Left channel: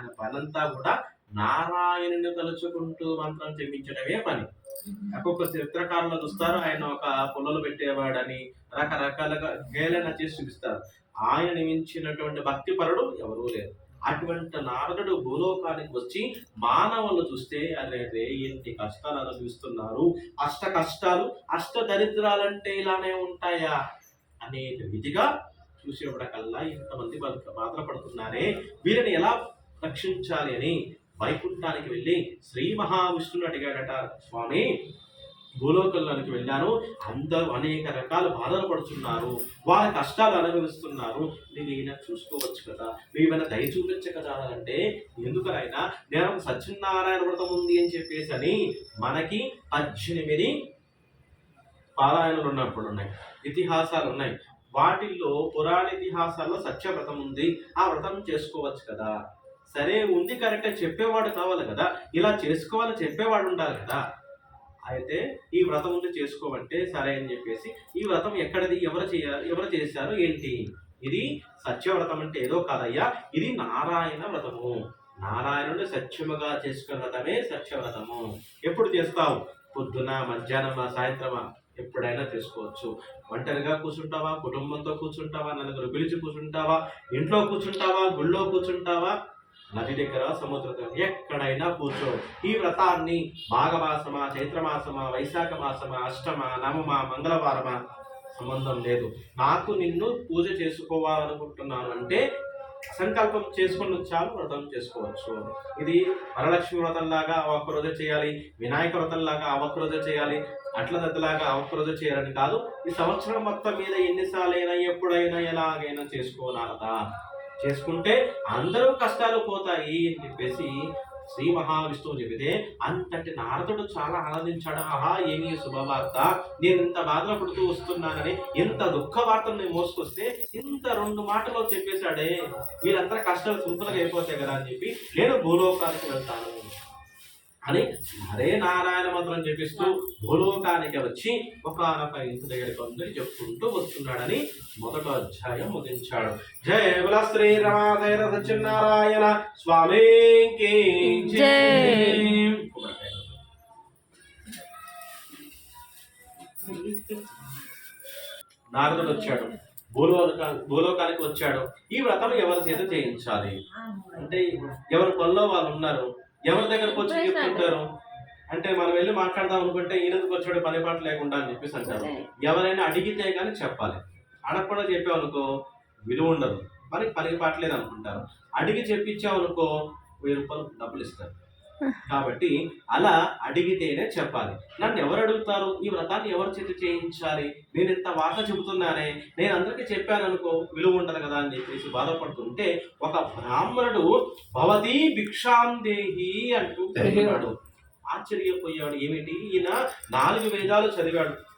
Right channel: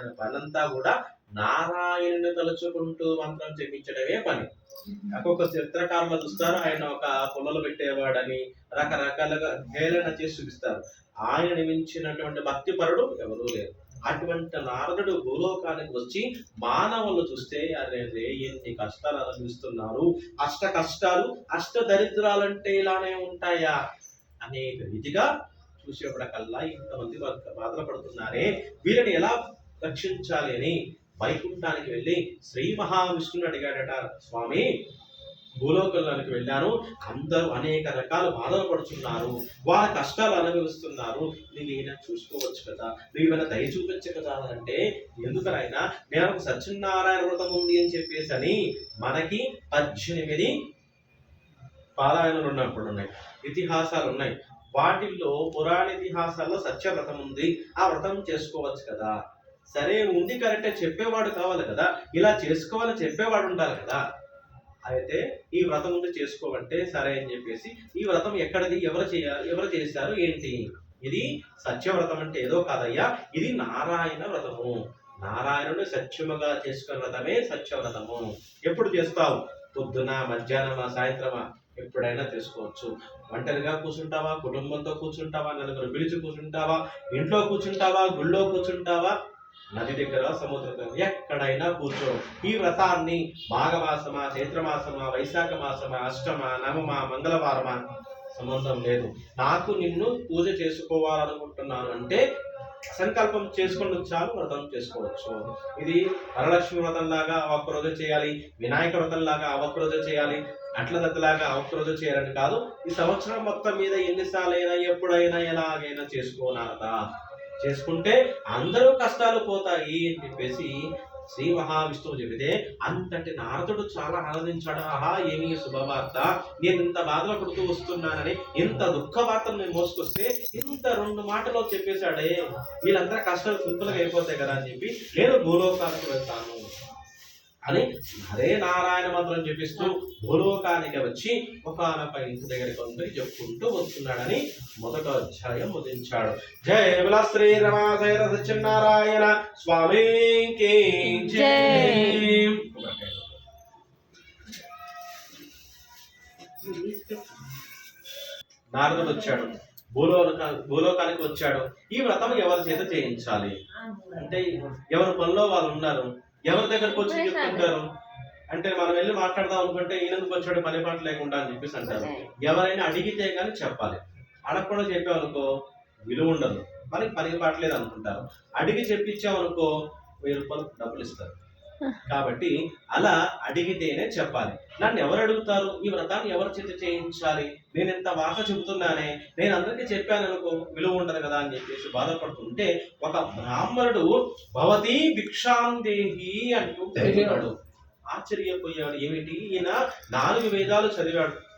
ఆయన పనంతా కూడా నారాయణుని తలుచుకుంటూ మంత్రం చెప్పించడమే పని. ఒక్కొక్క చిత్రకారులు చూస్తారు ఆయన ఒక పుల్లలు పెట్టేవాడని రకరకాలుగా గేలన చేసి చూపిస్తారు. ఆయన మించినటువంటి భక్తిపరుడు ఎవరూ లేరు. అటువంటి నారదుడు భూలోకానికి వచ్చి మానవులు చూస్తే అరే రే ఎన్ని కష్టాలు అనుభవిస్తున్నారు అష్ట కష్టాలు అష్ట దరిద్రాలంటే ఇలానే ఉంటాయా? అనే రీతిగా చూసేవాడకల్లా ఇంతమంది బాధ- బాధపడుతున్నారే. వీరిని ఎలా రక్షించాలి అని వైకుంఠానికి వెళ్ళి శ్రీ మహావిష్ణుని అడిగాడట స్వామి భూలోకంలోనికి వెళ్ళాను. అందరూ అనేక రకాల బాధలు పడుతున్నారు వాళ్ళ కష్టాలు అనుభవిస్తున్నారు. నువ్వేనా చూసుకోవచ్చు కదా. నీవైనా దయ చూపించు కదా అంటే ఎందుకనైనా నేను ఒక సత్యనారాయణ వ్రతం ఉంది అని చెప్పేసి అని మనకి పద్దెనిమిది పారాయణలు ఉన్నప్పుడు ఉన్నాయి ఇతిహాసాలు ఉన్నాయి. వాటిల్లో పురాణ ఇతిహాసాల్లో సత్యవ్రతం ఉంది. ఆ వ్రతం చేసుకోవచ్చు కదా. సరే ఉంది కరెక్టే చెప్పేవాడు కావాలి కదా. ఇలా చేసుకోవాలని చెప్పేవాడు ఉండాలి కదా. అయితే ఈ వ్రతం ఉంది చేసుకోమంటే సరే అని చెప్పేసి ఈ వ్రతం ఎక్కడది ఎవరు చేయాలి ఎవరు చేశారు ఏంటి? ఇది సత్యవ్రతం అంటే ఏదో కాదయ్యా ఇది నారాయణ వ్రతము. నారాయణుడు సత్యముగా చేసుకున్న వ్రతమే సత్యవ్రతము ఎప్పుడు చేస్తావు? పొద్దున మధ్యాహ్నమా సాయంత్రమా? ఎప్పుడైనా చేసుకోవచ్చు. ఒంటరిగా కూర్చుంటావా? కుటుంబంతో కూర్చుంటావా? నలుగురు పిలిచి కూర్చుంటావా? ఇంట్లో కూర్చుంటావా? గుళ్ళో కూర్చుంటావా? నది దగ్గర సముద్ర ఎక్కడైనా కూర్చో ఈ వ్రతాన్ని మాఘమాసమా చైత్రమాసమా వైశాఖ మాసమా అష్టమ నవమా మంగళవారమా సంబంధం లేదు. నాకు నిన్ను పూజ చేసుకోవాలనుకుంటున్నాను అంటే సంకల్పం చేసుకుని చాలు వ్రతం చేసుకోవచ్చు. ఇది వరలక్ష్మి వ్రతం లాగా ఆ చేయాలి వినాయక వ్రతం లాగా ఆ చేయాలి అట్ల దత్తలాగా ఆ చేయాలని కాదు. ఈ సంవత్సరం మొత్తం మీద ఎన్నిసార్లైనా ఎప్పుడైనా ఎలాగైనా చేసుకోనాలదా చేసుకుంటే అందరూ కష్టాలు పోతాయి అని చెప్పేసి శ్రీ మహావిష్ణువు చెబితే అంతటి నారదుడు చాలా ఆనందించాడు ఆహా ఏమి శుభవార్త? నేను ఇంత బాధలు పడుతూ వస్తున్నానని ఇంత దుఃఖ వార్తను నేను మోసుకొస్తే ఇంత రెండు మాటలో చెప్పేశాడే. వీళ్ళందరూ కష్టాలు సింపుల్గా అయిపోతాయి కదా అని చెప్పి నేను భూలోకానికి వెళ్తాను. అని హరే నారాయణ మంత్రం చెప్పిస్తూ భూలోకానికి వచ్చి ఒకనొక ఇంటి దగ్గరికి అందరి చెప్పుకుంటూ వస్తున్నాడని మొదట అధ్యాయం ముదించాడు జయ బల శ్రీ రమాశైర సత్యనారాయణ స్వామికి నారదుడు వచ్చాడు. భూలోక భూలోకానికి వచ్చాడు. ఈ వ్రతం ఎవరి చేత చేయించాలి? అంటే ఎవరి పనిలో వాళ్ళు ఉన్నారు? ఎవరి దగ్గరకు వచ్చి చెప్తుంటారు అంటే మనం వెళ్ళి మాట్లాడదాం అనుకుంటే ఈయనకు వచ్చాడు పని పాట లేకుండా అని చెప్పేసి అంటారు. ఎవరైనా అడిగితే కానీ చెప్పాలి. అడగకుండా చెప్పావనుకో విలువ ఉండదు. మనకి పని పాటలేదు అనుకుంటారు అడిగి చెప్పించావనుకో వెయ్యి రూపాయలు డబ్బులు ఇస్తారు. కాబట్టి అలా అడిగితేనే చెప్పాలి. నన్ను ఎవరు అడుగుతారు? ఈ వ్రతాన్ని ఎవరి చేత చేయించాలి? నేను ఇంత వార్త చెబుతున్నానే? నేను అందరికీ చెప్పాను అనుకో విలువ ఉండదు కదా అని చెప్పేసి బాధపడుతుంటే ఒక బ్రాహ్మణుడు భవతి భిక్షాం దేహి అంటూ ఆశ్చర్యపోయాడు. ఏమిటి? ఈయన నాలుగు వేదాలు చదివాడు.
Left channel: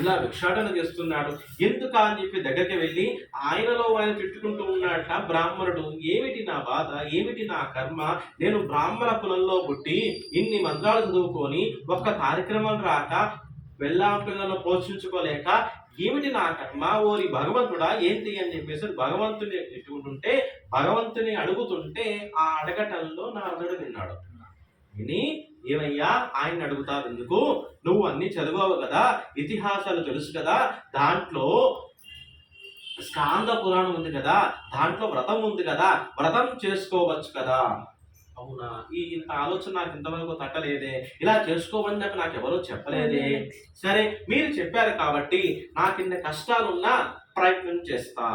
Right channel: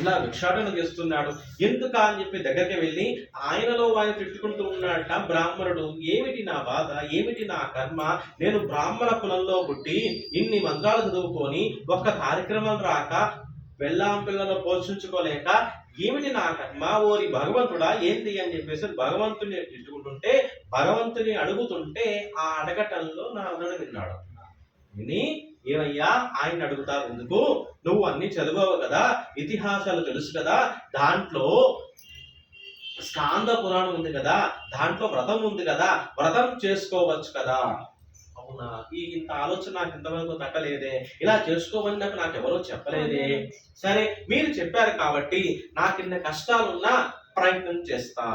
ఇలా భిక్షాటన చేస్తున్నాడు. ఎందుకా అని చెప్పి దగ్గరికి వెళ్ళి ఆయనలో ఆయన తిట్టుకుంటూ ఉన్నాడట బ్రాహ్మణుడు. ఏమిటి నా బాధ? ఏమిటి నా కర్మ? నేను బ్రాహ్మణ కులంలో పుట్టి ఇన్ని మంత్రాలు చదువుకొని ఒక్క కార్యక్రమం రాక వెళ్ళాం పిల్లలను పోషించుకోలేక ఏమిటి నా కర్మ? ఓరి భగవంతుడా ఏంటి అని చెప్పేసి భగవంతుని తిట్టుకుంటుంటే భగవంతుని అడుగుతుంటే ఆ అడగటంలో నారదుడు విన్నాడు. విని ఏమయ్యా? ఆయన అడుగుతావు ఎందుకు నువ్వు అన్ని చదివావు కదా ఇతిహాసాలు తెలుసు కదా దాంట్లో స్కాంద పురాణం ఉంది కదా దాంట్లో వ్రతం ఉంది కదా వ్రతం చేసుకోవచ్చు కదా. అవునా? ఈ ఇంత ఆలోచన నాకు ఇంతవరకు తట్టలేదే. ఇలా చేసుకోమని నాకు నాకు ఎవరో చెప్పలేదే సరే మీరు చెప్పారు కాబట్టి నాకు ఇన్ని కష్టాలున్నా ప్రయత్నం చేస్తా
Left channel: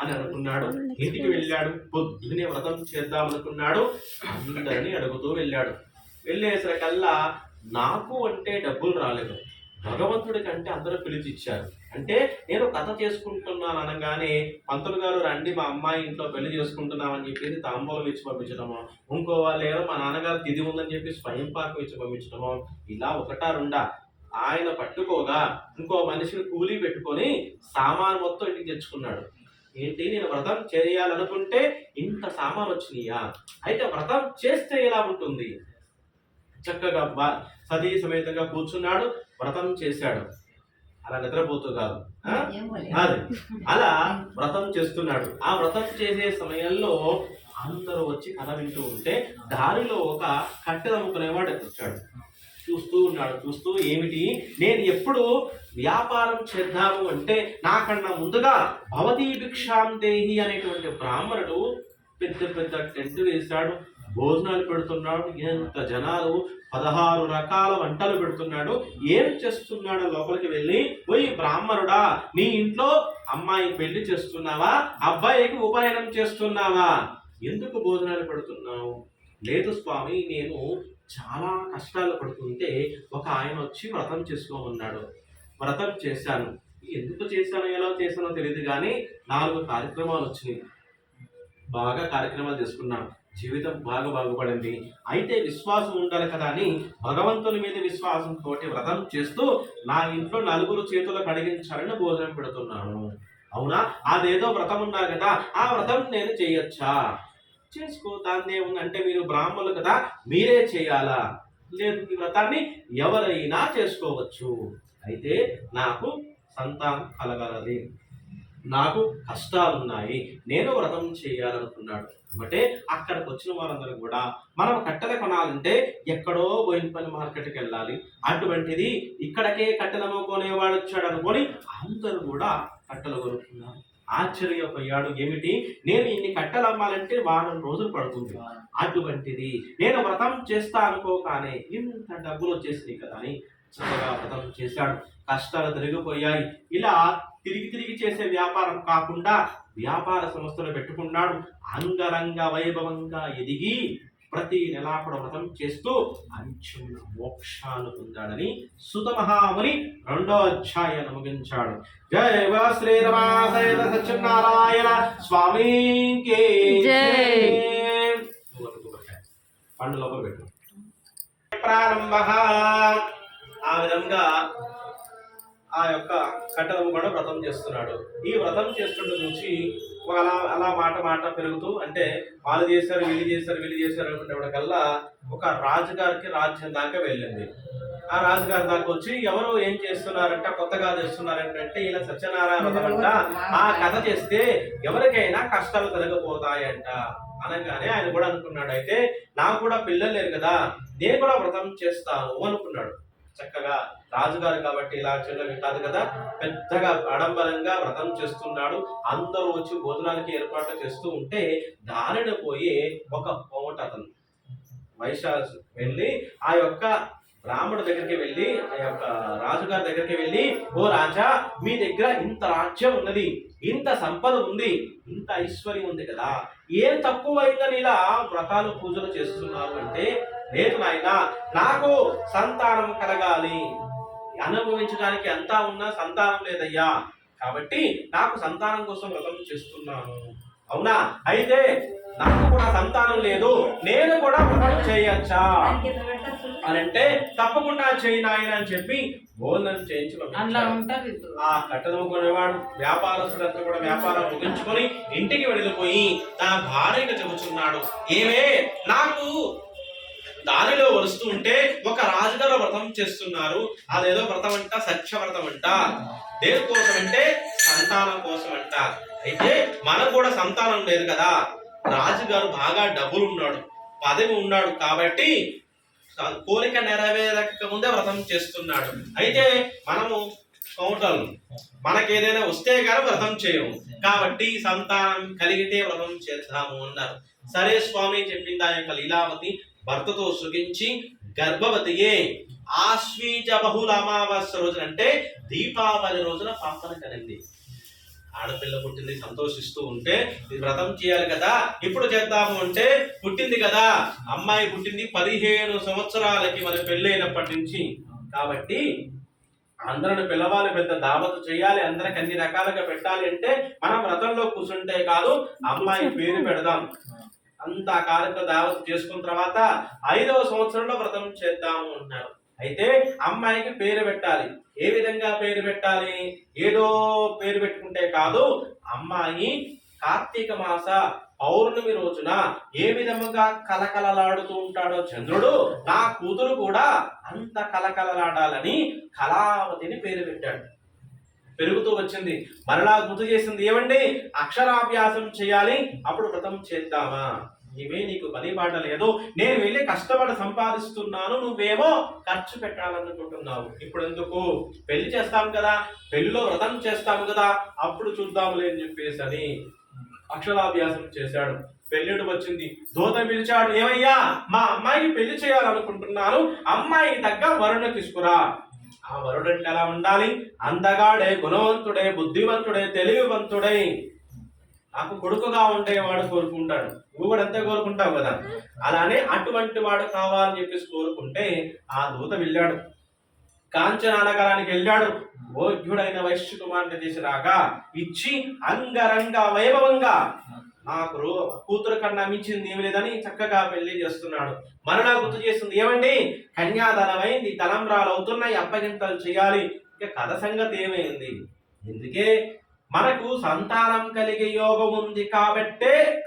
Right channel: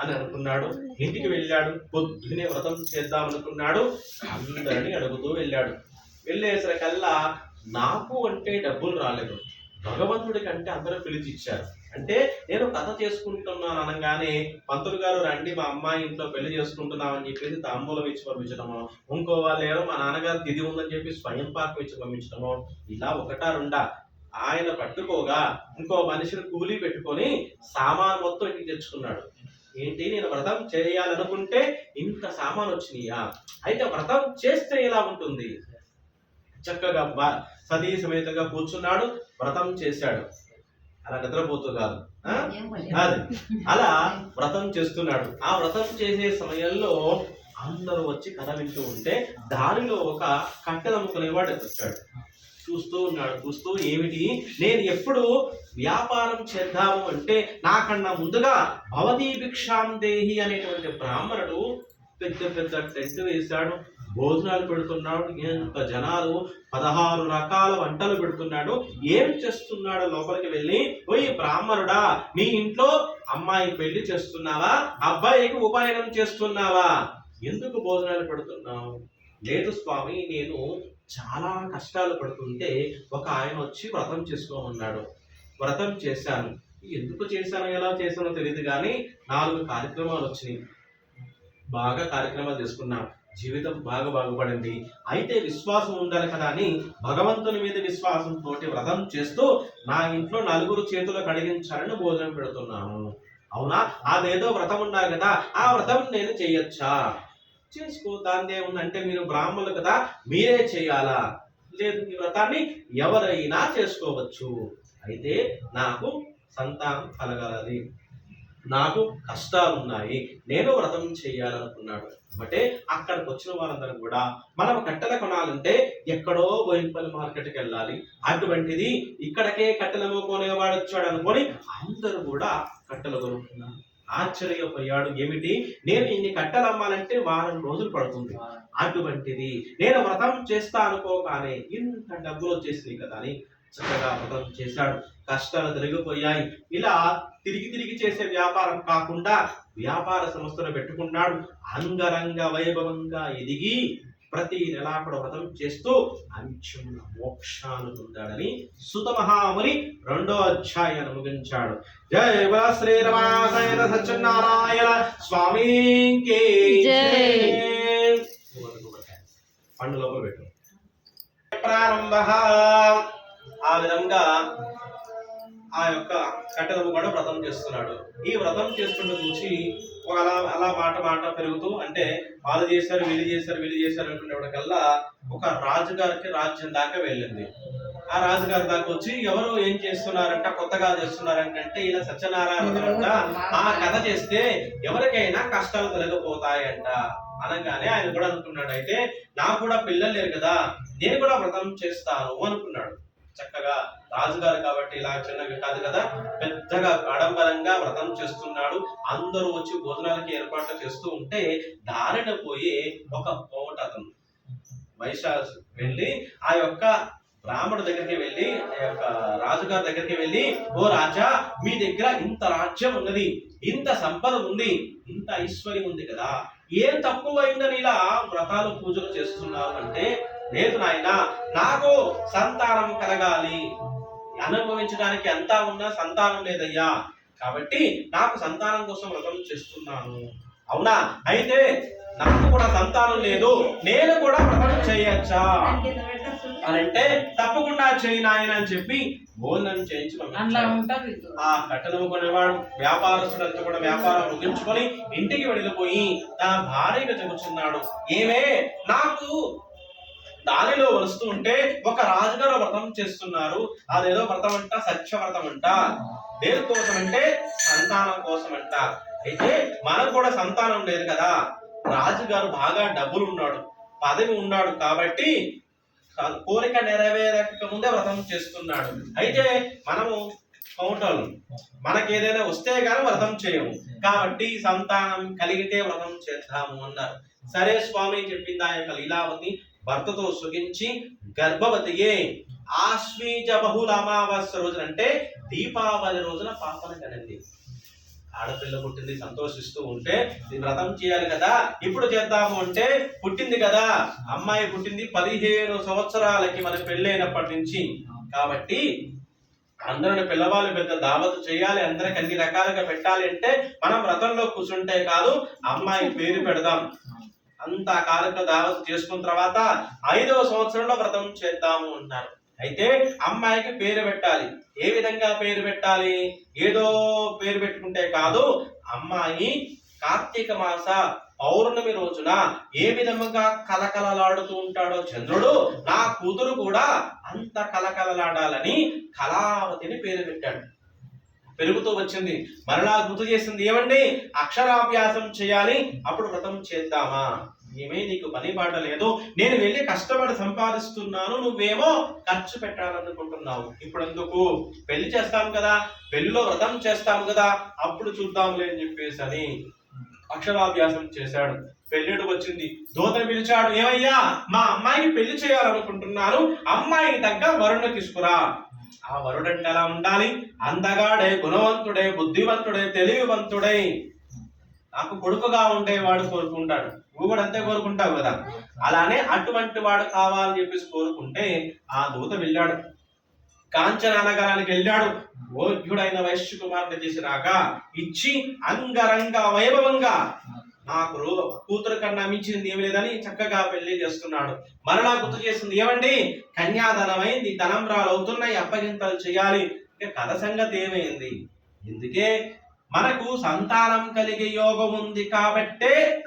అని అనుకున్నాడు. ఇంటికి వెళ్ళాడు. పొద్దునే వ్రతం చేద్దాం అనుకున్నాడు అందరినీ అడుగుతూ వెళ్ళాడు. వెళ్ళేసరికల్లా నాకు అంటే డబ్బులు రాలేదు. భగవంతుడి కంటే అందరూ పిలిచి ఇచ్చారు అంటే నేను కథ చేసుకుంటున్నాను అనగానే పంతులు గారు రండి మా అమ్మాయి ఇంట్లో పెళ్ళి చేసుకుంటున్నామని చెప్పేసి తాంబూలం ఇచ్చి పంపించడము ఇంకో వాళ్ళు ఎవరో మా నాన్నగారు తిది ఉందని చెప్పి స్వయం పాకం ఇచ్చి పంపించడము ఇలా ఒకటా రెండా? ఆయన పట్టుకోగా ఇంకో మనిషిని కూలీ పెట్టుకొని సామాన్ మొత్తం ఇంటికి తెచ్చుకున్నాడు. ఏంటి? నేను వ్రతం చేయాలనుకుంటే ఇంత సామాన్ వచ్చినాయా అయితే వ్రతం చేస్తే ఎలా ఉంటుంది? చక్కగా సతీ సమేతంగా కూర్చున్నాడు వ్రతం చేశాడు. అలా నిద్రపోతూ కాదు? అది. అలా వ్రతం చేస్తున్నాడు. ఆ వ్రతం చేసే సమయంలో అందరూ వచ్చి కథ వింటూ ఉంటే దారిలో ఒక కట్టెలు అమ్ముకునేవాడు వచ్చాడు. చూస్తూ ఉన్నాడు చూస్తూ ఏమిటి? నేను ఎప్పుడు వ్యాపారం చేద్దాము అంటే నాకన్నా ముందుగా భవతీ భిక్షాం దేహి అనేటువంటి బ్రాహ్మణుడు పెద్ద పెద్ద టెంట్ వేశాడు. భోజనాలు పెడుతున్నాడు ఎంత జనాలు పదహారు రకాల వంటలు పెడుతున్నాడు ఏం చేస్తున్నాడు లోపలికి వెళ్ళి? పోయి బ్రాహ్మణుడా నీ ఇంట్లో అమ్మాయి పెళ్ళి చేస్తున్నావా? అబ్బాయికి ఉపనయనం చేస్తున్నావా? ఎందుకు భోజనాలు పెడుతున్నావు? లేదు స్వామి నేను చాలా కష్టాలు పడుతుంటే ఒక ఆయన వచ్చి వ్రతం చేసుకోమన్నాడు వ్రతం చేశాను. ఎందుకు చేశానో ఎలా చేశానో తెలియదు కానీ నాలుగు కార్యక్రమాలు వచ్చినాయి. బాగా కార్యక్రమాలు చేసుకున్నాను జీవితం బాగా బాగుపడింది. అయితే విశ్వాసం ఉండాలి కదా అని భగవంతుని మీద విశ్వాసంతో వ్రతం చేస్తూ నా ఇంట్లో నలుగురు చేతులు కడిగించాలని భోజనం పెడుతున్నాను. అవునా? అదేదో వ్రతం ఉండాలి కదా ఆ వ్రతం నేను చేయొచ్చా? చేసుకో దాన్ని ఏముందంటే మీరు బ్రాహ్మణులు కదా మీరే చేయాలా? లేదు ఈ వ్రతాన్ని ఎవరైనా చేసుకోవచ్చు. అయితే నాకు సంతానం కలగాలి నాకు కష్టాలు ఉన్నాయి నేను వ్రతం చేయాలనుకున్నాడు. అంటే అక్కడికి వచ్చిన వారందరూ కూడా మనం కట్టెలు కొనాలంటే ఎక్కడో బోయినపల్లి మార్కెట్కి వెళ్ళాలి. అటువంటిది ఇక్కడికే కట్టెలు అమ్ముకునేవాడు వచ్చాడు అనుకొని అందరూ కూడా కట్టెలు కొనుక్కున్నారు. ఆశ్చర్యపోయాడు. ఏమిటి? నేను ఇన్ని కట్టెలు అమ్మాలంటే వారం రోజులు పడుతుంది. అటువంటిది నేను వ్రతం చేస్తా అనుకోగానే ఇంత డబ్బులు వచ్చేసినాయి కదా అని చక్కగా వ్రతం చేశాడు. కష్టాలు తిరిగిపోయాయి ఇలా తిరిగి తిరిగి చేసే వ్యాపారం కాకుండా వ్యాపార సంస్థలు పెట్టుకున్నాడు. అంగరంగ వైభవంగా ఎదిగి ప్రతి నెలా కూడా వ్రతం చేస్తూ అంచున మోక్షాన్ని పొందాడని సుత మహాముని రెండో అధ్యాయాన్ని ముగించాడు. జయ శ్రీరమాసైన సత్యనారాయణ స్వామికి జై. పండు లోపల పెట్టు. ప్రారంభ ఆ విధంగా ఆ యొక్క కట్టెలము కూడా వ్రతం చేస్తున్నాడు. ఈ వ్రతం చేస్తుండే చూసి ఒక అలా అలా మాట మాట పెరుగుతూ అంటే వాళ్ళు చేశారు వీళ్ళు చేశారు వీళ్ళు చేశారు అనుకునేవాడికల్లా ఒక రాజుగారికి రాజ్యం దాకా వెళ్ళింది. ఆ రాజుగారి దాకా వచ్చి ఎవరు ఏం చేస్తున్నారంట కొత్తగా చేస్తున్నారంటే ఇలా సత్యనారాయణ వ్రతం అంట ఆ కథ చేస్తే ఎవరికైనా కష్టాలు తొలగిపోతాయంట అనగానే ఆయన కూడా అనుకున్నాడు. అయితే నాకు కూడా పిల్లలు లేరు కదా నేను కూడా వ్రతం చేస్తాను అనుకున్నాడు. చక్కగా రాజుగారు కాబట్టి ఇలా చిన్నవి కాదు కదా పెద్దగా ఆడంబరంగా వ్రతం చేస్తున్నాడు. అందరూ వచ్చి భోజనాలకి ఏర్పాట్లు చేస్తూ ఉంటే దారిన పోయి ఒక పోట అతను. వైశాస్ వెళ్ళి ఆ యొక్క బ్రాహ్మణుడి దగ్గరికి వెళ్ళి ఆ యొక్క రాజుగారి దగ్గరికి వెళ్ళి ఓ రాజా మీ దగ్గర ఇంత రాజ్యం ఉన్నది ఇంత సంపద ఉంది ఇంత ఐశ్వర్యం ఉంది కదా ఏం తక్కువైందని ఇలా వ్రతాలు పూజలు చేస్తున్నారు అంటే లేదు నాయన నాకు సంతానం కలగాలి. అనుభవించడానికి అంతా ఉన్నా సంతానం లేదయ్యా. కాబట్టి నాకు సంతానం కోసం వ్రతం చేస్తున్నాను. అవునా? అయితే నాకు కూడా సంతానం లేదు. నేను కూడా వ్రతం చేయొచ్చా? అని అంటే తప్పకుండా చేయి నాయన అని చెప్పి భోజనం చేయించి ఆ కట్టెలు కొనేవాడు వ్యాపారస్తుడంతా కూడా వ్యాపారం ముగించుకొని ఇంటికి వెళ్ళిపోయి తన భార్యకు చెబుతున్నాడు. ఏమే? నాకు దారిలో వస్తూ ఉంటే ఒక రాజుగారు వ్రతం చేస్తున్నారు. అదేదో వ్రతం అంట సత్య వ్రతం అంట దేనికోసం అంటే సంతానం కోసం అంట అయితే మనకు కూడా సంతానం లేదు కదా. రాజుగారు బాగా డబ్బులు ఉన్నాడు పదవి ఉన్నాడు కాబట్టి కోరిక నెరవేరక ముందే వ్రతం చేస్తున్నాడు. అయితే మనము కౌంటర్లు మనకి ఏదైనా వస్తే కానీ వ్రతం చేయము. కాబట్టి సంతానం కలిగితే వ్రతం చేద్దాము అన్నారు. సరే స్వామి చెప్పింది ఆ యొక్క లీలావతి భర్తతో సుఖించి గర్భవతియే. ఆశ్వీజ బహుళ అమావాస్య రోజున అంటే దీపావళి రోజున పాపన కనింది. ఆడపిల్ల పుట్టింది సంతోషిస్తూ ఉంటే వ్రతం చేయాలి కదా ఇప్పుడు చేద్దాము అంటే పుట్టింది కదా. అమ్మాయి పుట్టింది పదిహేను సంవత్సరాలకి మనకి పెళ్ళైనప్పటి నుంచి. కాబట్టి అందరిని పిల్లవాళ్ళు పెద్ద దావత్ చేయాలి అందరికి అన్ని రకాలుగా పెట్టాలి అంటే మనం వ్రతంలో కూర్చుంటే కాదు అమ్మాయి పేరు పెడదాం. అంత కాలక దావస్ చేసుకున్న తర్వాత ఐదవ సంవత్సరంలో వ్రతం చేద్దాము అంటారు అయితే అమ్మాయికి పేరు పెట్టాలి. ఏ విధంగా పేరు పెట్టాలి? ఏదో పేరు పెట్టుకుంటే కాదు అమ్మాయి కార్తీక మాస పౌర్ణమి రోజున ఏ విధముగా కలకలలాడుతూ ఉంటాడో చంద్రుడు నా కూతురు కూడా అంత కలకలలాడాలని కళావతిని పేరు పెట్టాడు. పెరుగుతూ వచ్చింది. మరలా గుర్తు చేసింది ఏమండి? అక్షరాభ్యాసం చేయాలి అప్పుడు వ్రతం చేద్దామా? ఏమే నీకు పని బాట లేదు. నేను వెళ్ళి కష్టపడి సంపాదిస్తున్నాను. నువ్వేమో ఖర్చు పెట్టాలనుకుంటున్నావు. ఇప్పుడు ఎందుకు పెళ్ళి చేస్తాం కదా. పెళ్ళిలో వ్రతం చేస్తాం కదా. అప్పుడు చూద్దాంలే అని చెప్పేసి అని అక్షరాభ్యాసం చేశాడు. పెళ్ళిడు వచ్చింది. దూత పిలిచాడు. ఏమయ్యా మా అమ్మాయికి పెళ్ళి చేయాలనుకుంటున్నాను. అమ్మాయికి తగ్గ వరుణ్ణి తీసుకురా. ఆ వరుడు అంటే ఎలా ఉండాలి? అందగాడే గుణవంతుడే బుద్ధివంతుడే తెలివివంతుడే. నాకు కొడుకుగా ఉండేవాడు కోరుకుంటాడు. నువ్వు కూడా అంతే కోరుకుంటావు కదా. అలానే అటువంటి వాడు కావాలని చెప్పేసి కోరుకుంటే ఆ దూత వెళ్ళాడు. కాంచనగరానికి వెళ్ళాడు. భోగ్యుడైన వైశ్య కుమారుడు చేసి రాగా ఇచ్చి అంగరంగ వైభవంగా నాకు కూతురు కన్నా మించింది ఏమి లేదని చక్కగా పెళ్ళి చేస్తున్నాడు. మరలా గుర్తు చేస్తుంది ఏమండి? కన్యాధనమైంది తలంబ్రాలు అవుతున్నాయి అప్పగింతలు చేయాలి. ఇంకా కథ సంగతి ఏమైంది? ఎందుకే మనకు సంతానం కలిగే యోగం ఉంది కాబట్టే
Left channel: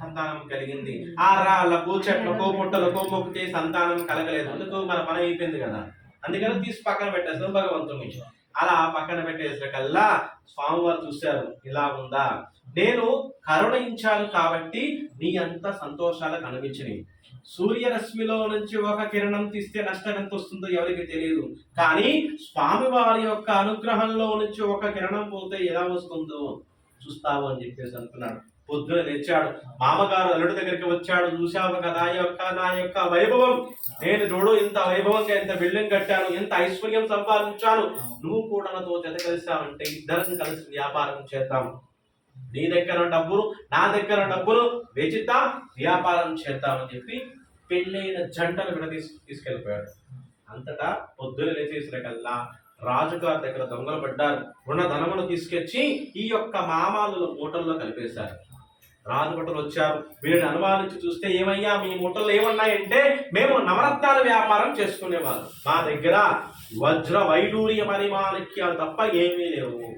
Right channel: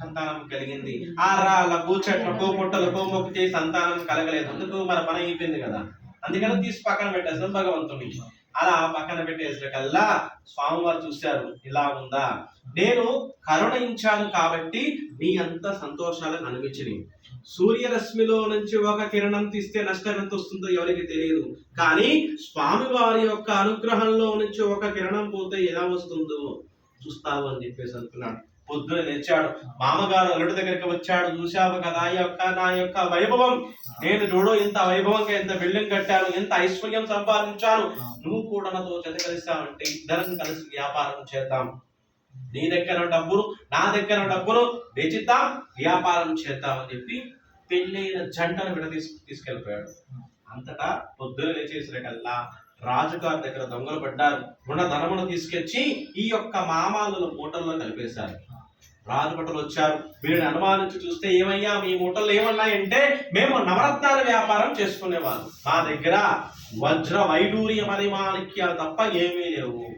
సంతానం కలిగింది. ఆ రాళ్ళకు చెట్లకు పుట్టలకు మొక్కితే సంతానం కలగలేదు. అందుకు మన పని అయిపోయింది కదా. అందుకని తీసి పక్కన పెట్టేసాం భగవంతుని అలా పక్కన పెట్టేసిన కల్లా స్వామివారు చూశారు ఇలా ఉందా? నేను కరుణించాను కాబట్టి నీ అంత సంతోషాలు కనిపించినాయి సూర్యరశ్మిలో నుంచి ఒక కిరణం తీస్తే నష్టం ఎంత వస్తుందో ఎవరికి తెలియదు కానీ స్వామి వారి యొక్క అనుగ్రహంలో నుంచి ఒక కిరణం పోతే ఎలా వస్తుందో చూస్తావు అని చెప్పేసి అనుకున్నాడు పొద్దున లేచాడు. మామగారు అల్లుడి దగ్గరికి వచ్చాడు. చూశావు కదా యొక్క నా యొక్క వైభవం. నేను చూడు ఇంత వైభవంగా ఇంత బిల్డింగ్ కట్టాను ఎంత ఐశ్వర్యం సంపాదించాను. నువ్వు కూడా నాతో జత కలిసావంటే ఇద్దరం కలిసి వ్యాపారం చేద్దాం. నీ దగ్గర డబ్బులు నా దగ్గర డబ్బులు వెచిద్దాం వ్యాపారం చేద్దాం అని చెప్పి పెళ్ళైన జంటను కూడా తీసు తీసుకెళ్ళిపోయాడు. అంతటా పొద్దున లేచేసిన కల్లా రాజుగారి దగ్గర దొంగలు పడ్డారు. ఉన్న ధనమును తీసుకొచ్చి ఈ యొక్క మామాలు మూటల్లో కలిపేశారు. రాజు భటులు వచ్చారు. వీళ్ళని అనుమానించి చూస్తే ఏమయ్యా మీ మూటల్లో ఏమన్నాయంటే మేము నవరత్నాల వ్యాపారం చేసుకునేవాళ్ళం. మా దగ్గర వజ్ర వైడూర్య పరిమాణిక్యాలు తప్ప ఏమీ లేవు.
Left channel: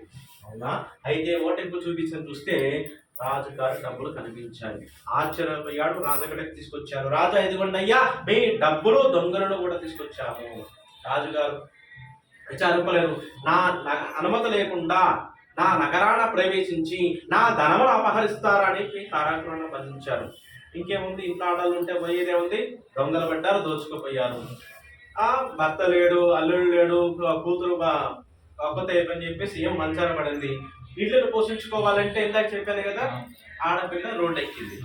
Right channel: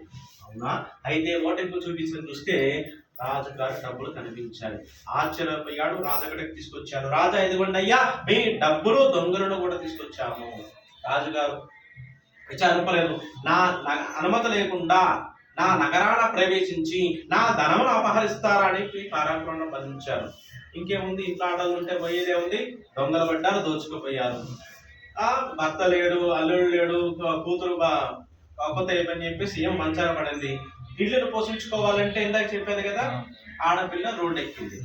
అవునా అయితే ఓటెంపు చూపించిన చూస్తే రాజుగారి డబ్బులు కనిపించాయి ఆశ్చర్యపోయాడు. రాజగడకి తీసుకొచ్చారు. రాజా ఇదిగోండి అయ్యా మీ డబ్బులు దొంగలను కూడా తీసుకొచ్చాము. రాజుగారు విచారింపలేదు. నా అనుమతి లేకుండా నా నగరాన ప్రవేశించి నా ధనమును అపహరిస్తారని అని బంధించారు ఇంకేముంది? ఇంట్లో ఆడలు ఉంటే పోయేదే ఉంది? దొంగలు పడ్డారు దోచుకుపోయారు. ఆ భర్త లేడు అల్లుడు లేడు కూతురు బా- కాకపోతే అని చెప్పేసి ఏం మంచాన పడింది. ఇళ్ళను పోషించుకోవాలంటే ఇందాక చెప్పాను కదా ఆడపిల్ల రోడ్డు ఎక్కింది.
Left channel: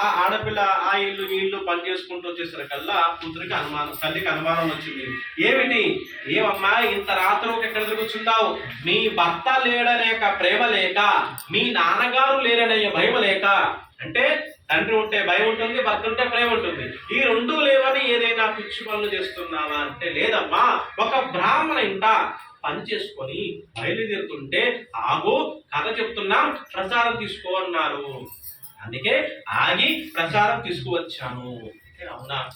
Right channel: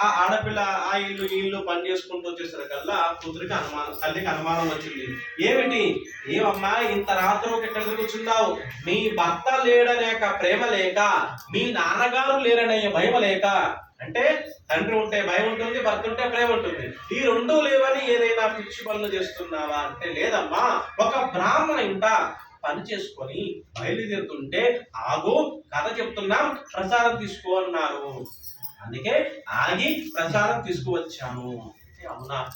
ఆ ఆడపిల్ల ఆ ఇల్లు ఇల్లు పని చేసుకుంటూ వచ్చేసరికల్లా కూతురికి అనుమానం తల్లికి అనుమానం వచ్చింది. ఏమిటి? ఏమమ్మా ఇంత రాత్రి ఎక్కడ కూర్చుంటావు మీ భర్త లేడనే ప్రేమ లేక మీ నాన్నగారు లేరనే భయం లేక. అంటే తండ్రి ఉంటే భయం ఉంటుంది భర్త ఉంటే ప్రేమ ఉంటుంది. ఈ రెండు లేవని ఏదైనా పిచ్చి పనులు చేస్తున్నావా అంటే లేదమ్మా ఒక బ్రాహ్మణ ఇంట పని చేసుకొని బయలుదేరుతుంటే ఆగు కథ చెప్తున్నాం ప్రసాదం తీసుకో అన్నారు. అందుకే ఆగి ప్రసాదం తీసుకువచ్చాను. అవునా?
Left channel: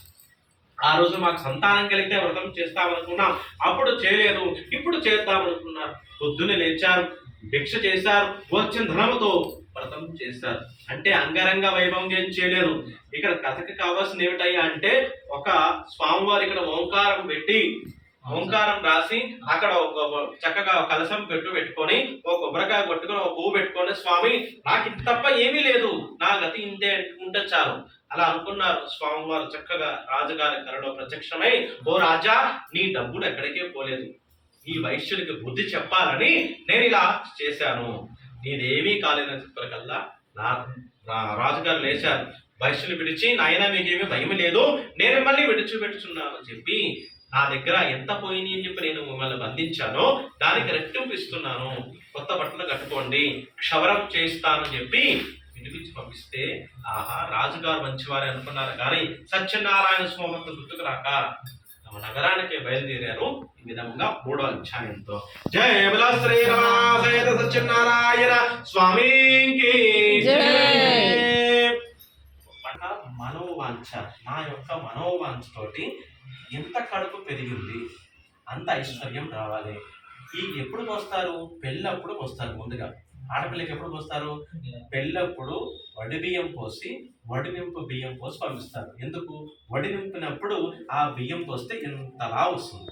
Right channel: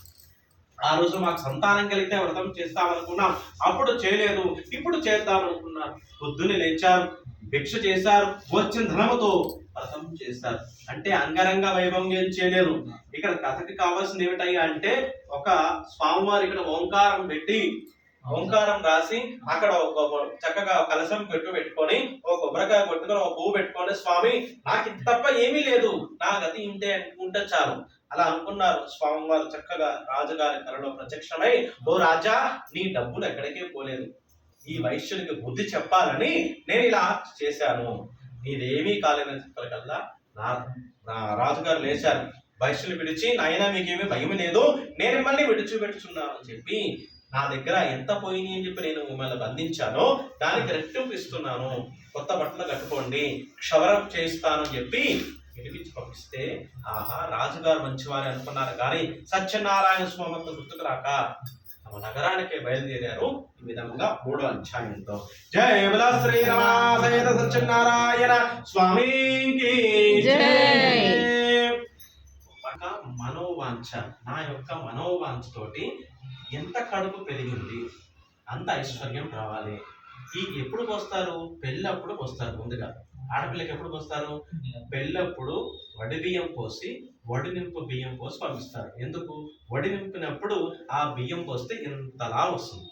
ఆ రోజు మాకు సంతానం కలిగితే వ్రతం చేస్తామనుకున్నాం. అప్పుడు చేయలేదు. ఇప్పుడు చేద్దామనుకున్నారు. పొద్దునే లేచారు. భిక్ష చేశారు. వచ్చిన ధనముతో వ్రతం చేశారు. అంటే అంగరంగ వైభవం చేయలేరు చేయలేదు. ఇక్కడ కథకి కావాల్సిన ఏమిటయ్యా అంటే ఒక స్వామివారి ఇక్కడ ఓంకారం పెట్టి ఓంకారం రాసి అక్కడ ఒక చక్కగా కలసం కలశం పెట్టు పెట్టుకొని ఒక కొబ్బరికాయ కొట్టుకొని ఒక పువ్వు పెట్టుకొని స్వామి నాకు తప్ప ఏమీ లేదు. నా గతి ఇంతే అనుకుంటే చాలు. అలా అనుకున్నారు. స్వామివారు చక్కగా రాజుగారి కరలో ప్రత్యక్షమై ఓ రాజా నీ డబ్బులు ఎక్కడికే పోలేదు. ఈ వైశ్యుడికి బుద్ధి చెప్పాలని నేను ఇలా చేశాను. నీదేమీ కాలేదని చెప్పకల్లా నా నా రాజుగారు లేచారు. వైశ్యులు విడిచి నాయన మీకేమీ భయం లేదు. నేను మిమ్మల్ని విడిచిపెట్టుచున్నాను అని చెప్పి నా దగ్గర ఎంత పోయినాయి అని చెప్పి నేను మిమ్మల్ని బంధించానో దానికి రెట్టింపు ఇస్తున్నాను. కొత్త బట్టలు కట్టుకోండి క్షవరం చేస్తానని చెప్పి విడిపించి పంపిస్తే ఆహా రాజుగారు మంచివారే అనుకున్నారు. కానీ సత్యనారాయణ స్వామి గుర్తుకు రాక తమ నగరానికి బయలుదేరారు. ఈ విధంగా మూడో అధ్యాయంతో. జయ బల సత్యనారాయణ స్వామికి. ఒక మనోవాంఛ నా యొక్క మనోవాంఛతోటి ఎంత కడుపు పెరిగింది అంత ఐశ్వర్యం రావాలి. ఈ ఎప్పుడు వస్తారు పెళ్ళప్పుడు వస్తారు ముందుగా. ఆడపిల్లకి ఎప్పుడు పోస్తారు? పెళ్ళప్పుడు వడి బియ్యం పోసి వడినింపు బియ్యం పోసి పంపిస్తారు. ఎందుకు? వడినింపినప్పుడు ఆ బియ్యం పోస్తే ఇంతలా వస్తుంది.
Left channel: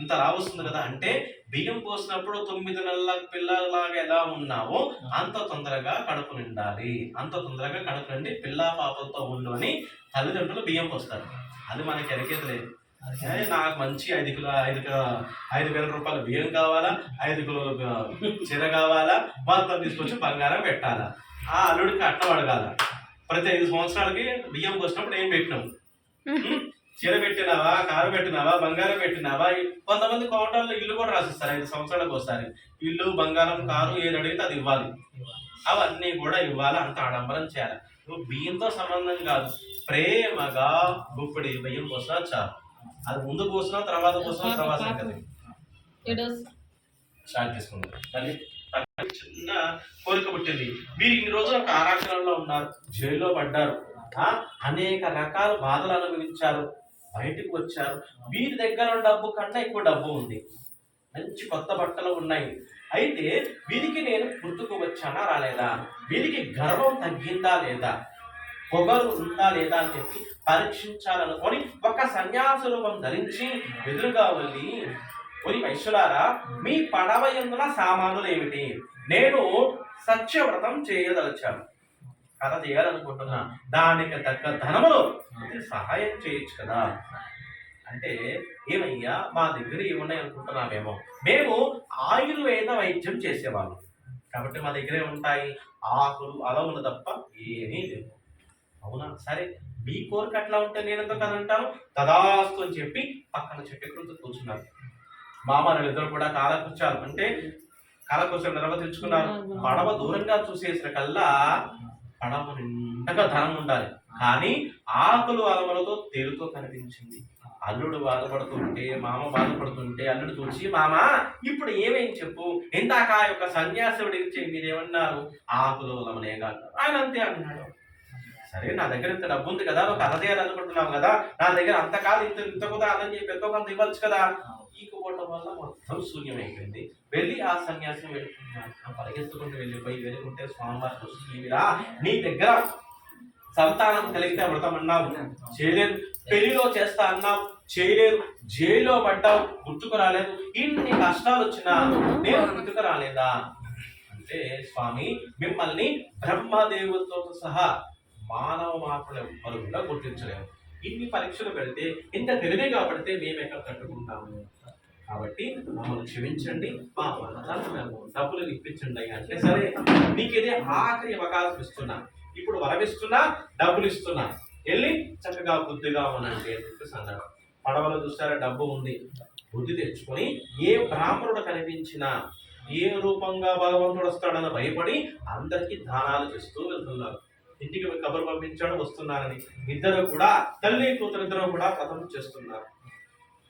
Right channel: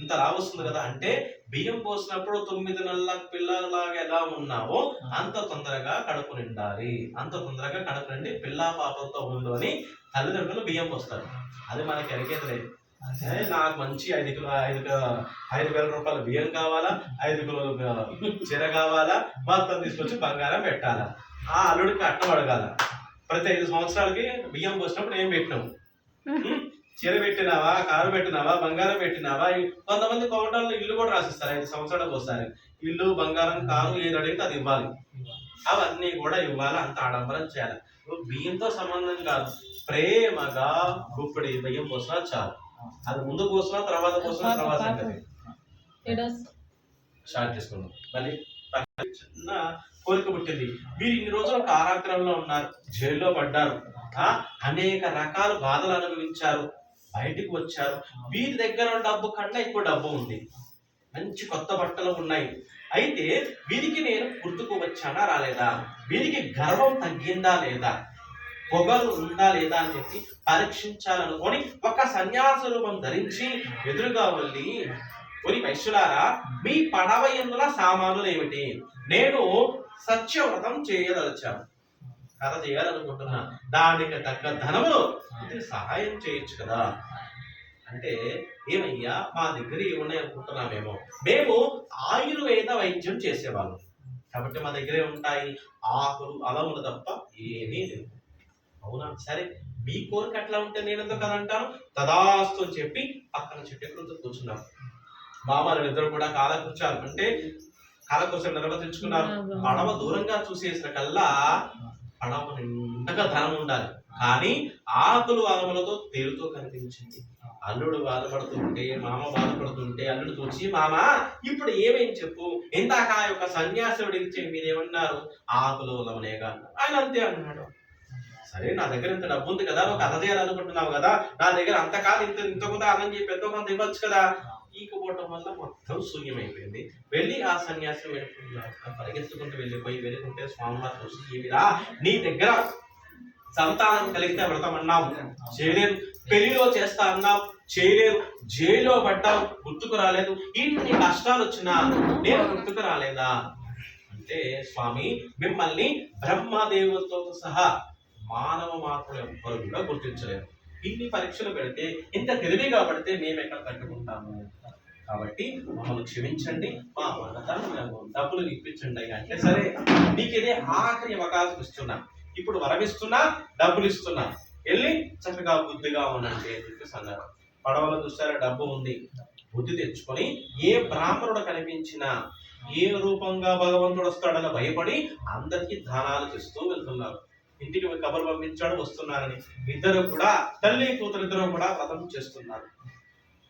ఇంత లావు వస్తుంది కదా? అంటే బియ్యం పోసినప్పుడు తొమ్మిది నెలల పిల్లలాగా ఎలా ఉన్నావో అంత తొందరగా కడుపు నిండాలి. అంత తొందరగా కడుపు నిండి పిల్ల పాపలతో ఉండు అని తల్లిదండ్రులు బియ్యం పోస్తారు. అది మనకి ఎరకేది లేదు నాకు మంచి ఐదు కిలో ఐదు కిలో ఐదు వేల రూపాయల బియ్యం కావాలా? ఐదు కిలోల చీర కావాలా? మొత్తం తీసుకొచ్చి బంగారం పెట్టాలా? ఆ అల్లుడికి అట్నం అడగాల. ప్రతి ఐదు సంవత్సరాలకి బియ్యం పోసినప్పుడు ఏం పెట్టినాం? చీర పెట్టినావా? కారు పెట్టినావా? బంగారం పెట్టినావా? కొంతమంది కౌంటర్లో ఇల్లు కూడా రాసిస్తారు ఐదు సంవత్సరాలకు ఒకసారి. ఇల్లు బంగారం కారు ఏది అడిగితే అది ఇవ్వాలి. అవన్నీ కూడా ఇవ్వాలి అంత ఆడంబరం చేయాలి. బియ్యంతో సంబంధం కాదు. ప్రేమగా గుప్పిడి బియ్యం పోసినా చాలు. అది ముందు పోసినా తర్వాత పోసినా తర్వాత స్టార్ట్ చేసుకుందాం. మళ్ళీ చిన్న కోరిక పుట్టింది. వీరు ఇన్ని రోజులు కారాగ్రహంలో ఉన్నారు జైల్లో పడ్డారు. అనేక రకాల బాధలు అనుభవించారు బయటికి వచ్చారు. వీరి దగ్గర డబ్బు కన్నా ఎక్కువ డబ్బు ఉంది. మంచి కొత్త బట్టలు ఉన్నాయి. అయితే వీరికి నేను గుర్తుకు వచ్చానా రాలేదా? వీరికి గర్వం తగ్గిందా లేదా? పొగరు ఉందా లేదా అని చెప్పి పరీక్షించాలనుకొని ఒక సన్యాస రూపం ధరించి ఎదురుగా వెళ్ళి ఒరి వైశ్యులారా మీ పడవ ఎందుల సామానులు ఏమిటి? నేను సత్యవ్రతం చేయదలిచాను. కథ చేయాలనుకుంటున్నా. దానికి తగ్గ ధనములు సహాయం చేయొచ్చు కదా. అంటే ఏమయ్యా మా దగ్గర ఏమున్నాయి అనుకుంటున్నామేమో మేము ఆయుర్వేద వైద్యం చేసేవాళ్ళం. కాబట్టి మా దగ్గరే ఉంటాయి ఆకులు అలములు తప్ప ఏమీ లేవు. అవునా? సరే మీ కోరిక అట్లా ఉంటే నేను ఎందుకు అనంటాను తదాస్తు అని చెప్పి పక్కన చెట్టు క్రింద కూర్చున్నారు. మామలు ఇద్దరు కూడా కాలకృత్యాలు అంటే కాలకృత్యాలు నిర్వర్తించుకున్నారు పడవ దూరంగా చూసేసిన కల్లా పడవ నిండగా ధనం ఉండాలి. కానీ ఆకులు అలమలతో తేలుతో కనిపించింది. అల్లుడు బాధపడుతుంటే మామ బాధపడుతుంటే అల్లుడు చూసి మామ ఇప్పుడు ఏమేం చెప్పు? ఇందాక ఆ యొక్క సన్యాసుడు ఇచ్చే మీరేమన్నారు ఆకులు అలమనేగా అన్నారు. ఆయన అంతే అన్నాడు. సరే నా దగ్గర ఇంత డబ్బు ఉంది కదా నువ్వు కథ చేయాలనుకుంటున్నావు కదా నా దగ్గర అంత కాదు ఇంత ఇంత కూడా అదని చెప్పి ఎంతో కొంత ఇవ్వచ్చు కదా. ఈకపోవటం వల్ల మొత్తం శూన్యమైపోయింది. వెళ్ళి ఆ సన్యాసం పరిగెత్తుకుంటూ వెళ్ళిపోయి వెళ్ళుకుంటే స్వామివారు చూసి ఏమిరా? నీ దగ్గర సంతానం కలిగితే వ్రతం అన్నావు చేయలేదు పెళ్ళిలో చేస్తా అన్నావు చేయలేదు జైల్లో పడ్డావు గుర్తుకు రాలేదు. ఇన్ని కష్టాలు వచ్చినా నేను గుర్తుకు రాలేదా? అంటే స్వామి మిమ్మల్ని బ్రహ్మదేవులతో సహా మానవ మార్పుల ఎవ్వరు కూడా గుర్తించలేము ఇన్ని పరీక్షలు పెడితే ఇంత తెలివిగా పడితే మేము ఎక్కడ తట్టుకుంటాము? కాబట్టి మమ్మల్ని క్షమించండి మా వరదాన్ని మేము డబ్బులు ఇప్పించండి అంటే సరే మీకు ఇదే ఆఖరి అవకాశం ఇస్తున్నా. ఇప్పుడు వరమిస్తున్నా డబ్బులు ఇస్తున్నా. వెళ్ళి చక్కగా బుద్ధిగా ఉండండి అని చెప్పేసి అన్నారు. పడవలు చూసారా డబ్బు ఉంది. బుద్ధి తెచ్చుకొని ఏ బ్రాహ్మణుడు కనిపించినా ఏ రూపంగా భగవంతుడు వస్తాడని భయపడి అందరికీ దానాలు చేస్తూ వెళ్తున్నారు. ఇంటికి కబురు పంపించాడు వస్తున్నారని. ఇద్దరు కూడా తల్లి కూతురు ఇద్దరు కూడా వ్రతం చేస్తున్నారు.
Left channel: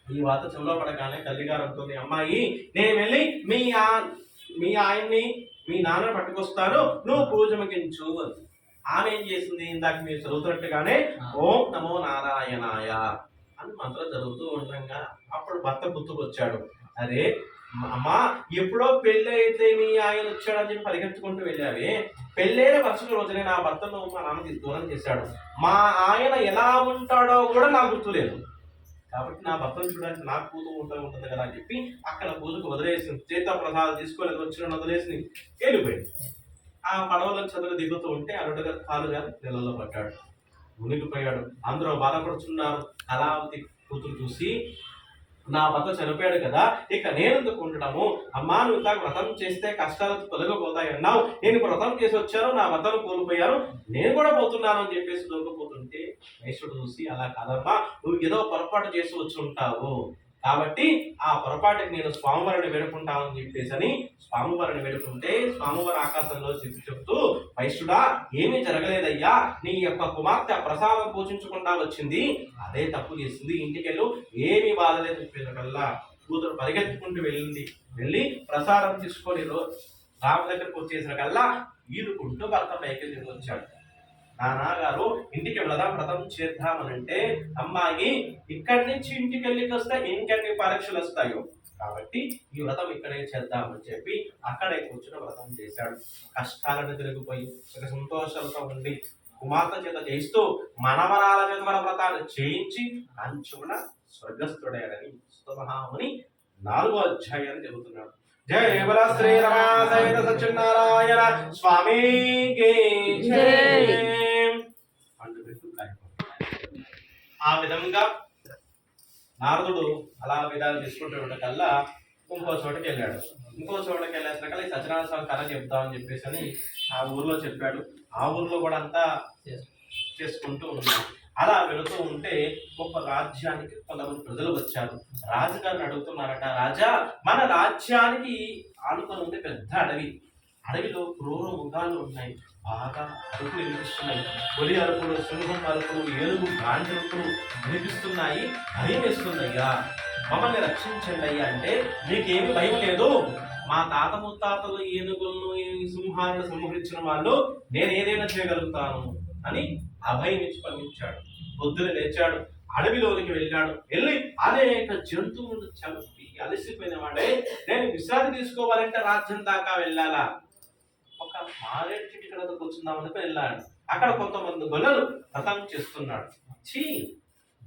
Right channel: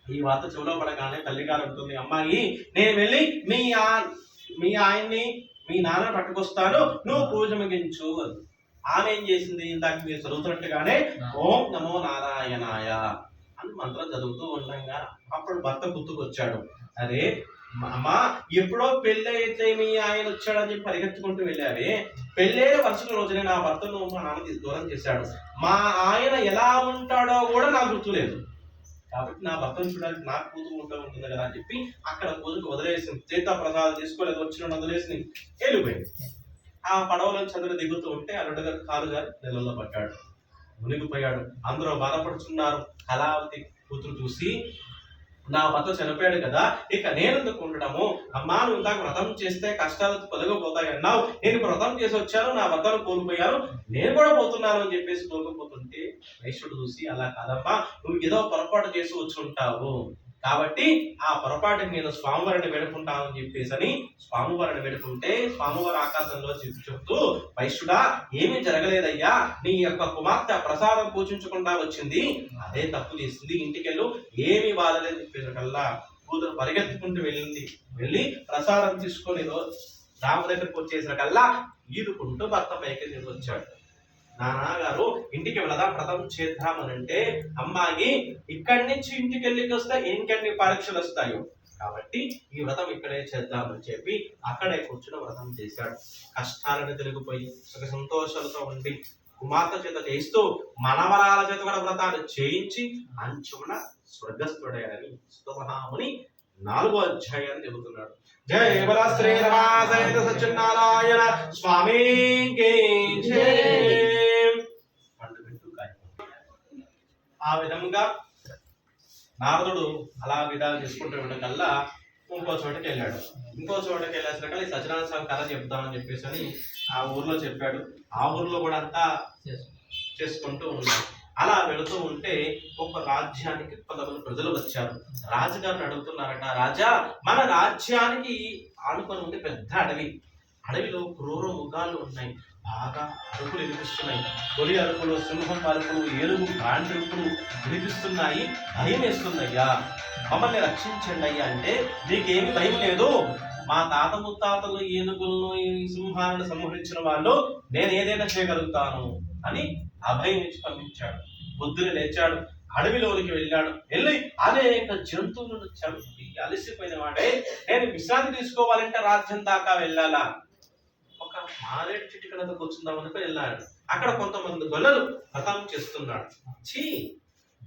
ఈ వాత చెవిలో పడగానే తల్లి గారు అంటుంది అమ్మాయి నేను వెళ్ళి మీ ఆ మీ ఆయన్ని మీ నాన్న పట్టుకొస్తాను నువ్వు పూజ ముగించు. ఆమె ఏం చేసింది? ఇందాక మీరు చదువుతున్నట్టుగానే ఓం నమో నారాయణాయ అని మంత్రం చదువుతూ ఉండగా అప్పుడు భర్త గుర్తుకొచ్చాడు. అరే అమ్మా ఎప్పుడో పెళ్ళి అయితే మీ ఆయన వచ్చాడని చెప్పి పరిగెత్తుకుంటూ వెళ్ళావే. పెళ్ళైన మరుసటి రోజునే నా భర్తను మా నాన్న దూరం చేశాడు. మా ఆయన ఎలా ఉంటాడో కూడా నాకు గుర్తులేదు. కాబట్టి నా భర్తను చూడడానికి నాకు కూతురు ఉంటూ ఉంటుంది కదా అని చెప్పి అక్కడ పూజకు వదిలేసింది చేత ప్రసాదం తీసుకోలేదు వచ్చిన వదిలేసి వెళ్ళిపోయింది. ఆ పడవలో చదువు దిగుతూ ఉంటే అల్లుడుగా కాలుగా నెలల్లో పడ్డాడు మునిగిపోయాడు. అందరూ బాధపడుతున్నారు కళావతి కూతురు చూసి నా భర్త చనిపోయాడు కదా ఇక నేనెందుకు ఉండడము? అమ్మా నువ్వు ఇందాక వ్రతం చేస్తే కష్టాలు తొలగిపోతాయి అన్నావు. నేను వ్రతం చేసి వచ్చాను నా భర్తను కోల్పోయాను. నేను కూడా పోతున్నాను అని చెప్పేసి దొరికిపోతుంటే వైశ్యుడు చూసి అలా కాదమ్మా నువ్వు ఏదో పొరపాటు చేసి వచ్చి ఉంటావు. కాబట్టి ఆ పొరపాటుకి నేను స్వామివారిని వేడుకుంటాను అని చెప్పేసి అని స్వామివారిని వేడుకుంటే స్వామివారి ఆకాశంలో చెప్పి చెప్తూ వైశ్యుడా ఏమీ జరగలేదయ్యా. నీ యొక్క కుమార్తె ప్రసాదం పూజించకుండా వచ్చింది. అదే తప్పు చేసింది. ఇంటికెళ్ళు. ఏమీ బాధలేదు చెప్పేసరికల్లా కూతురు పరిగెత్తుకుంటూ వెళ్ళింది. వెళ్ళి ప్రసాదం తీసుకొని రామ దగ్గరకు వచ్చేసరికల్లా ఈదుకుంటూ భర్త పైకి తిరిగి వచ్చాడు. నాన్నగారు ఇంటికి వెళదాం వ్రతం చేద్దామనంటే అమ్మాయి ఇక్కడి నుంచి ఇంటికి వెళ్ళికి వస్తే ఇంకెన్ని పరీక్షలు వస్తాయో? కాబట్టి ఈ వ్రతం ఇక్కడే చేద్దామని చెప్పి అక్కడే కూర్చుని వ్రతం చేశాడు. కష్టాలను తిరిగిపోయి సుఖ సంతోషాలతో ఉండి కుమార్తె చేత చేయిస్తూ మనవరాల చేత కూడా వ్రతాలు చేయించి అంచున స్వర్గస్థుడయ్యాడని సుతమహాముని నాలుగో అధ్యాయాన్ని చెబుతున్నాడు. జయ శ్రీ రమా సత్యనారాయణ స్వామి జయ పండు పెట్టు కాయపడు. ఆ విధంగా నారదుడు అలా విధాలు చేసుకుంటూ ఉండకల్లా ఇంకో చోటకి వెళ్ళాడు. ఇంకో చోటకి వెళ్ళేసరికల్లా ఈ సత్యనారాయణ స్వామి కథ చెప్తామని చెప్పేసి అని ఆ ఊర్లో చెప్పాడు. ఆ ఊర్లో కూడా అంతా చేసుకుంటూ ఉన్నాడు. అలా వెళుతూ ఉంటే ఒక రాజ్యానికి కొంతమంది ప్రజలు వచ్చారు. రాజుగారిని అడుగుతున్నారట రాజా మన రాజ్యానికి ఆనుకొని ఉంది పెద్ద అడవి. అడవిలో క్రూర ముఖాలు ఉన్నాయి. బాగా అరుపులు వినిపిస్తున్నాయి. తొలి అరుపులు సింహం అరుపులు ఏనుగు గాండ్రుపులు వినిపిస్తున్నాయి. భయం వేస్తుందయ్యా మమ్మల్ని రక్షించండి అయ్యా అంటే నీకేమి భయం లేదు. మా తాత ముత్తాతలు ఏనుగులను ఈ సింహాలను సంహరించిన వాళ్ళు నేను ఏదైనా చేయగలుగుతాను అని అభయం ఇచ్చి పంపించాడు. బుద్ధుని లేచాడు. అడవిలోనికి వెళ్ళాడు. వెళ్ళి అనేక జంతువులను చంపి అలసిపోయిన వాడే. నేను విశ్రాంతి తీసుకోవాలంటే రాజ్యం దాకా వెళ్ళాలా? ఒక మారేడు చెట్టు కింద కూర్చుందామని వెళ్ళాడు అక్కడ కొంతమంది గొల్లలు వ్రతం చేస్తున్నాడు. చీ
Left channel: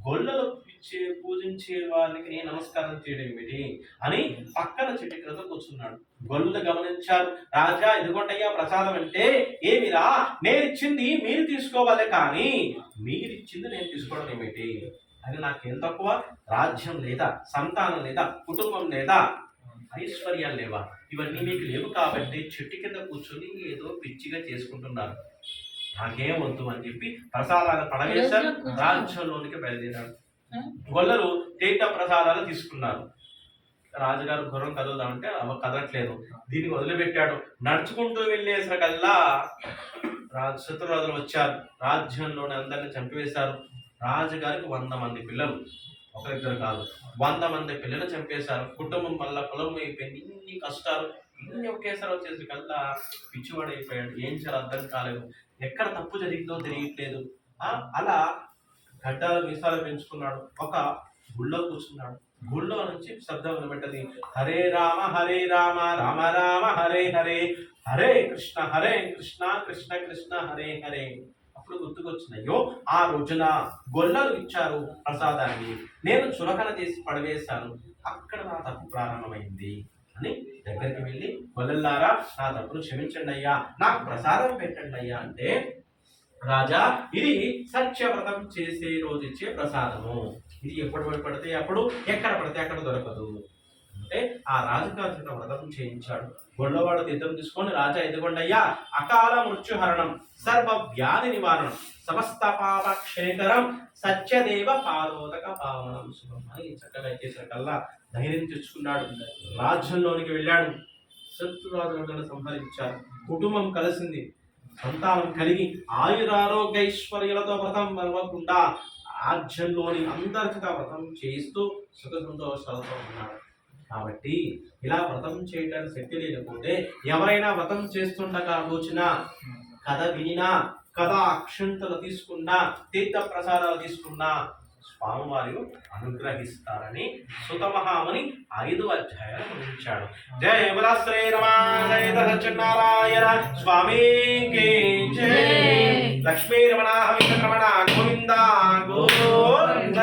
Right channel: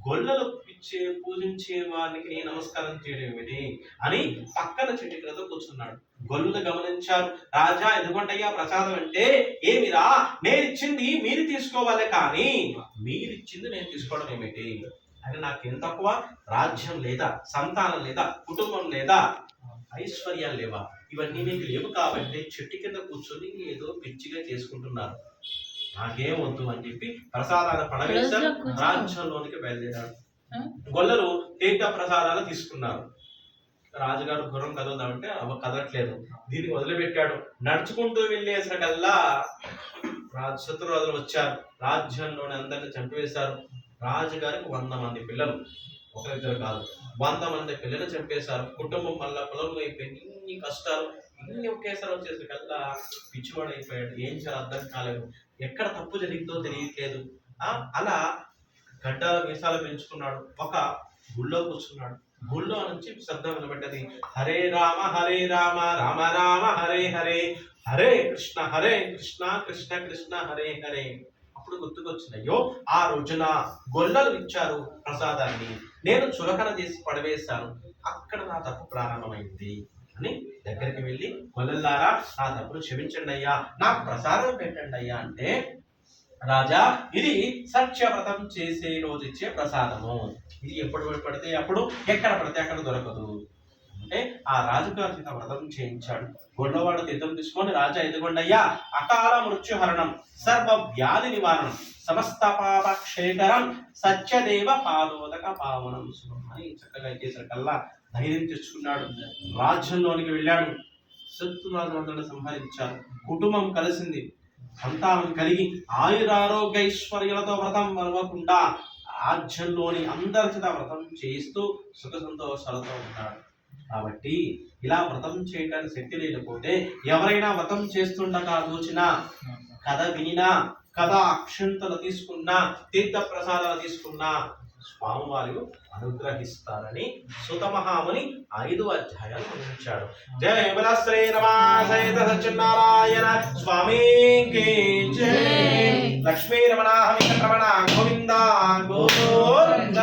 గొల్లలు పిచ్చే పూజించే వారికి నేను నమస్కారం చేయడం ఏమిటి అని పక్కన చెట్టు కూర్చున్నాడు. గొల్లులు గమనించారు. రాజా ఎదుగుంటయ్యా ప్రసాదం అంటే ఏమిరా? నేను ఇచ్చింది మీరు తీసుకోవాలి కానీ మీరిచ్చింది నేను తీసుకోవడం ఏమిటి? అని నాకేం తక్కువ? రాజ్యం లేదా సంతానం లేదా కుటుంబం లేదా? ఐశ్వర్యాలు లేవా? ఇవన్నీ మీకు లేవు కాబట్టి చెట్టు కింద కూర్చొని ఏదో పిచ్చిగా చేసుకుంటున్నారు. నాకేం వద్దు అని చెప్పి ప్రసాదాలు పడవేశారు రాజ్యంలోనికి బయలుదేరాడు గొల్లలు తీర్థ ప్రసాదాలు తీసుకున్నారు. రాజుగారు గుర్రం కదులుదామంటే అవ కదలట్లేదు. దీన్ని వదిలిపెట్టాడు. నడుచుకుంటూ వెళ్ళేసరికల్లా రాజు శత్రురాజులు వచ్చారు. రాజ్యంలోని అందరిని చంపివేశారు. రాజుగారికి వంద మంది పిల్లలు. ఒకరిద్దరు కాదు. వంద మంది పిల్లలు చంపేశారు. కుటుంబం వల్ల పొలం అయిపోయింది ఇన్ని కష్టాలు ఇన్ని ఒకేసారి వచ్చేసరికల్లా పిచ్చివాడైపోయాడు. ఏం చేయాలో అర్థం కాలేదు. ఎక్కడ తప్పు జరిగిందో తెలియట్లేదు. అలా గడ్డల మీసాలు పెంచుకున్నాడు. ఒక గుళ్ళో కూర్చున్నాడు. గుళ్ళో నుంచి శబ్దం వినబడ్డది. హరే రామ హరే రామ రామ రామ హరే హరే హరే కృష్ణ హరే కృష్ణ కృష్ణ కృష్ణ హరే హరే. అప్పుడు గుర్తుకొచ్చింది ఆ రోజున గొల్లలు ఇచ్చారు ప్రసాదాన్ని. నేను చులకన చేసి పడవేశాను. అక్కడ నా తప్పు ప్రారంభమైంది అని దగ్గరికి వెళ్ళి గొల్లలారా నా తప్పును క్షమించండి అయ్యా నాకు ప్రసాదం పెట్టండి అయ్యా అంటే రాజా ఇది సత్యవ్రతం చేసే రోజు ఇచ్చే ప్రసాదము. ఇది ఎప్పుడు పడితే అప్పుడు ఎక్కడ పడితే అక్కడ దొరకదు. అంటే ఆ రాజుగారి చేత వ్రతం చేయించాడు. గొల్లవాడు తీర్థం తీసుకొని రాజా ఎదుగుండయ్యా అకాల మృత్యుహరణం సర్వ వ్యాధి నివారణం సమస్త పాపక్షేకరం సత్యదేవ పాదోదక పావనం శుభం అని చక్కగా చేసరికల్లా ధైర్యం తెచ్చుకున్నాడు. రాజ్యంలోనికి వెళ్ళాడు. శత్రురాజు సంహరించారు. కుటుంబం కలిసింది. సంతానం కలిగి ఆయురారోగ్యైశ్వర్యులతో వ్రతం మరవకుండా రాజ్యంలోని అందరి చేత వ్రతం చేయిస్తూ సుఖ సంతోషాలతో ఉన్నాడు. కాబట్టి ఇలా వ్రతం చేయడానికి శక్తి లేకపోతే ఎవరైనా వ్రతం చేస్తుండగా తోచిన కథ వినినా కథ అక్షంతలు తీసుకున్నా తీర్థ ప్రసాదాలు తీసుకున్నా స్వామివారు అనుగ్రహిస్తారని సుతమహాముని ఐదు అధ్యాయాలు అందించాడు జయ బల శ్రీ రమాసైత సత్యనారాయణ స్వామికి జయ జై. లక్ష్మీ రమణ హమిత రమణ గోవింద గోవింద.